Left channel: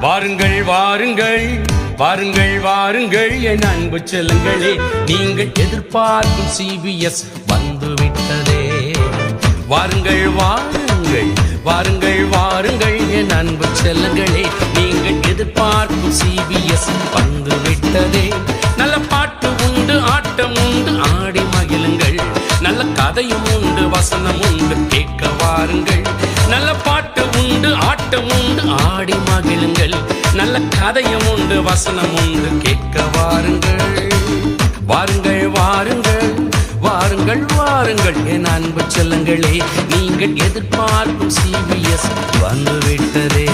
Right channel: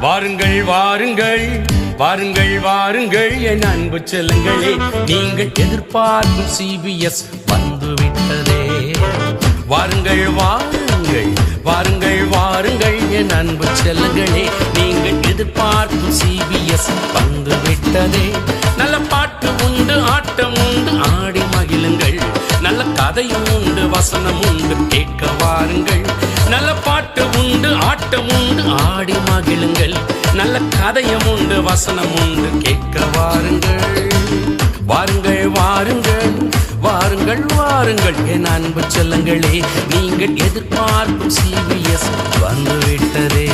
வாருங்கள் வாருங்கள். வாருங்கள் வாருங்கள். என் அன்பு செல்லங்களே நீங்கள் எதிர்பார்க்கும் சிபிஎஸ் வந்துவிட்டதே. வாருங்கள் வாருங்கள். வாருங்கள் வாருங்கள். என் அன்பு செல்லங்களே நீங்கள் எதிர்பார்க்கும் சிபிஎஸ் வந்துவிட்டதே. நல்ல பாட்டு உண்டு ஆட்டம் உண்டு ஆடி மகிழுங்கள். நல்ல கதையும் உண்டு வசனம் உண்டு கேட்க வாருங்கள். நல்ல பாட்டு உண்டு ஆட்டம் உண்டு ஆடி மகிழுங்கள். நல்ல கதையும் உண்டு வசனம் உண்டு கேட்க வாருங்கள். வாருங்கள் வாருங்கள் வாருங்கள் வாருங்கள் என் அன்பு செல்லங்களே நீங்கள் எதிர்பார்க்கும் சிவிஎஸ் வந்துவிட்டதே.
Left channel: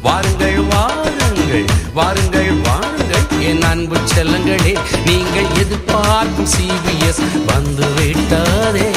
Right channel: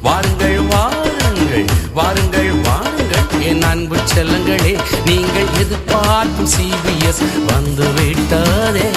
வாருங்கள் வாருங்கள் வாருங்கள் வாருங்கள் என் அன்பு செல்லங்களே நீங்கள் எதிர்பார்க்கும் சிவிஎஸ் வந்துவிட்டதே.